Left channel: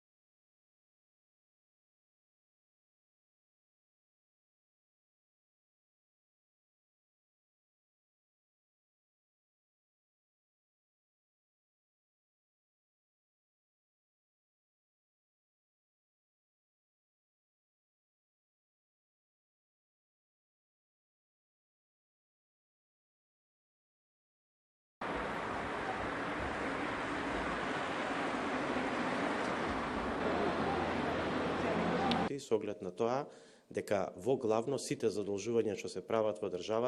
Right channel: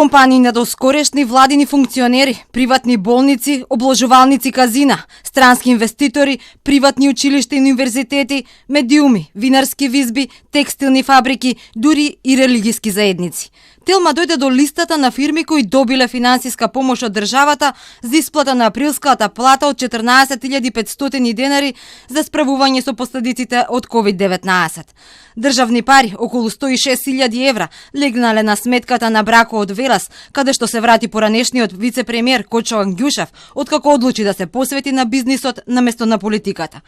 компании на доскорешни владини функционери, приватни болници, обложувалници казина, странски инвеститори, приватни училишта и универзитети, медиуми, винарски визби, текстилни фабрики, дури и религиски заедници. Телма дојде до листата на фирми кои добиле финансиска помош од државата за исплата на априлската плата од 14.500 денари за справување со последиците од COVID-19. Државни пари, околу 106.000 евра, легнале на сметката на Брако од Велас, каде што се врати поранешниот вице-премиер Кочо Ангјушев, откако одлучи да се посвети на бизнисот наместо на политиката.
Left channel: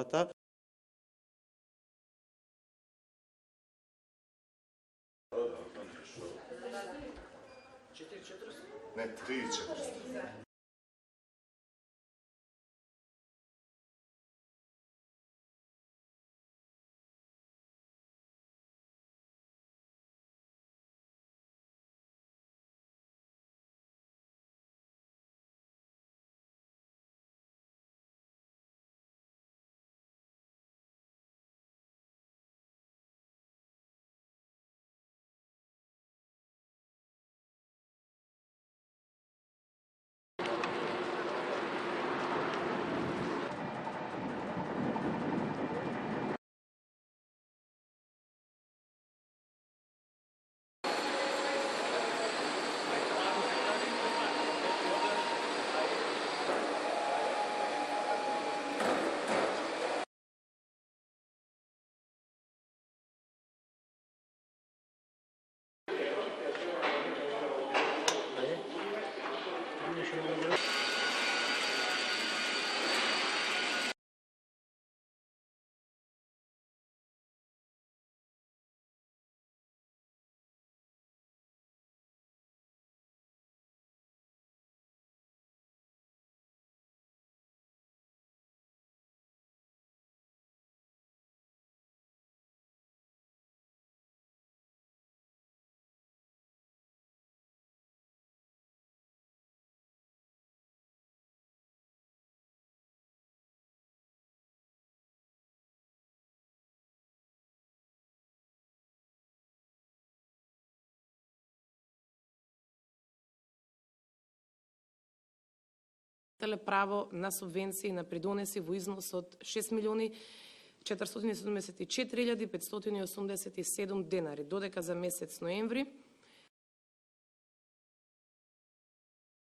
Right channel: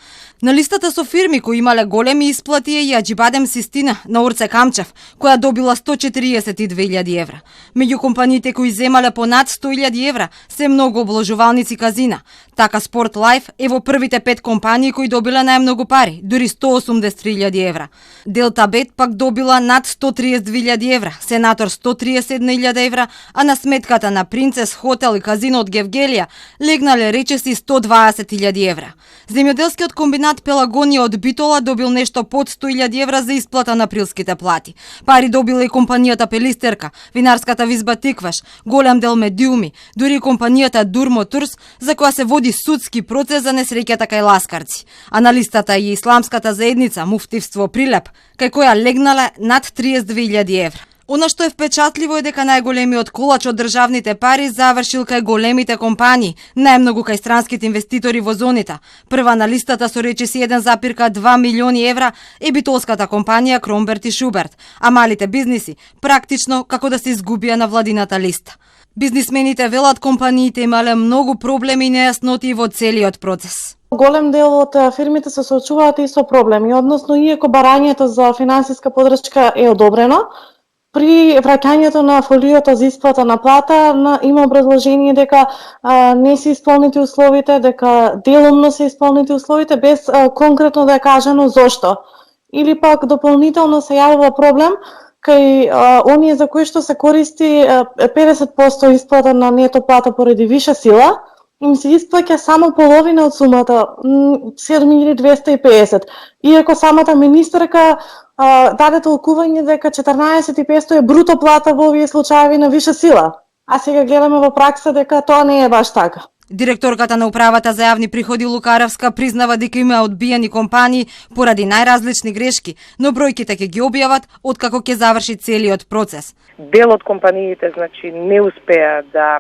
На листата со фирми кои имале големи исплати е и Аџибадем Систина на Орце Камчев, која добила 142.000 евра. Меѓу компаниите кои земале по над 100.000 евра се многу обложувалници казина. Така Спорт Лайф е во првите 5 компании кои добиле најмногу пари, дури 183.000 евра. Делта Бет пак добила над 132.000 евра, Сенатор 131.000 евра, а на сметката на Принцес Хотел и казино од Гевгелија легнале речиси 120.000 евра. Земјоделскиот комбинат Пелагонија од Битола добил нешто под 100.000 евра за исплата на априлските плати. Пари добила и компанијата Пелистерка, винарската визба Тикваш, голем дел медиуми, дури и компанијата Дурмо Турс, за која се води судски процес за несреќата кај ласкарци. А на листата и исламската заедница Муфтивство Прилеп, кај која легнале над 32.000 евра. Она што е впечатливо е дека најголемиот колач од државните пари завршил кај големите компании, најмногу кај странските инвеститори во зоните. Прва на листата со речиси 1,2 милиони евра е битолската компанија Кромберт и Шуберт, а малите бизниси практично како да се изгубија на владината листа. Бизнисмените велат компаниите имале многу проблеми и нејасноти во целиот процес. Голем дел од фирмите се соочуваат и со проблеми, односно иако барањето за финансиска подршка е одобрено, при враќањето на фолиото за исплата на плата има образложение дека не се исполнети условите, дека делумно се исполнети условите без конкретно да е кажано зошто. Или пак дополнително се јавува проблем кај оние за кои што се користи 50% исплата на нето плата поради виша сила, им се исплаќа само половина од сумата, 7.250. Иако самата министерка даде толкување дека 14.500 е бруто плата во овие случаеви на виша сила. А сега гледаме во пракса дека тоа не е баш така. Директорката на Управата за јавни приходи Лукаревска признава дека има одбиени компании поради најразлични грешки, но бројките ќе ги објават откако ќе заврши целиот процес. Дел од компаниите, значи, не успеа да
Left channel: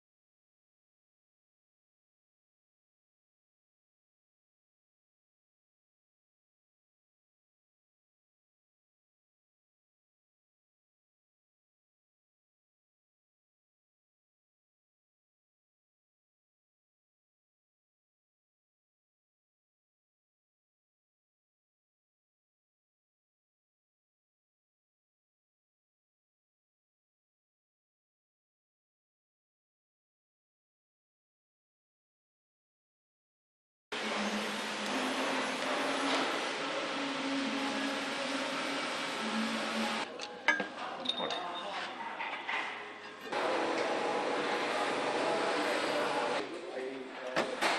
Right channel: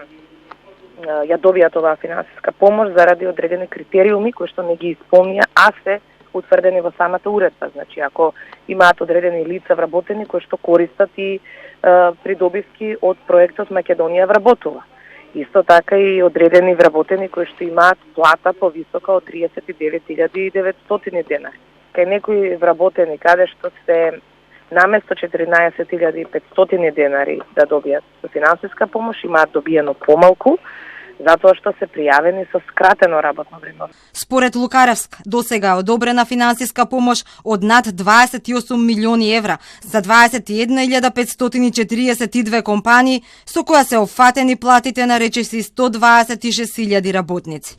ја добијат оваа финансиска помош заради одредени критериуми кои што не ги исполнија, а се утврдени во самата уредба. Значи, ако имаат одредени лица вработени кои што користат и придобивки од проектот Македонија вработува. Исто така и одредени вработени кои што имаат плата повисока од 39.900 денари. Кај некои вработени каде што се наместо 14.500 денари да добијат со финансиска помош, имаат добиено помалку, затоа што се пријавени со скратено работно време. Според Лукаревск, досега одобрена финансиска помош од над 28 милиони евра за 21.542 компании, со која се опфатени платите на речиси 126.000 работници.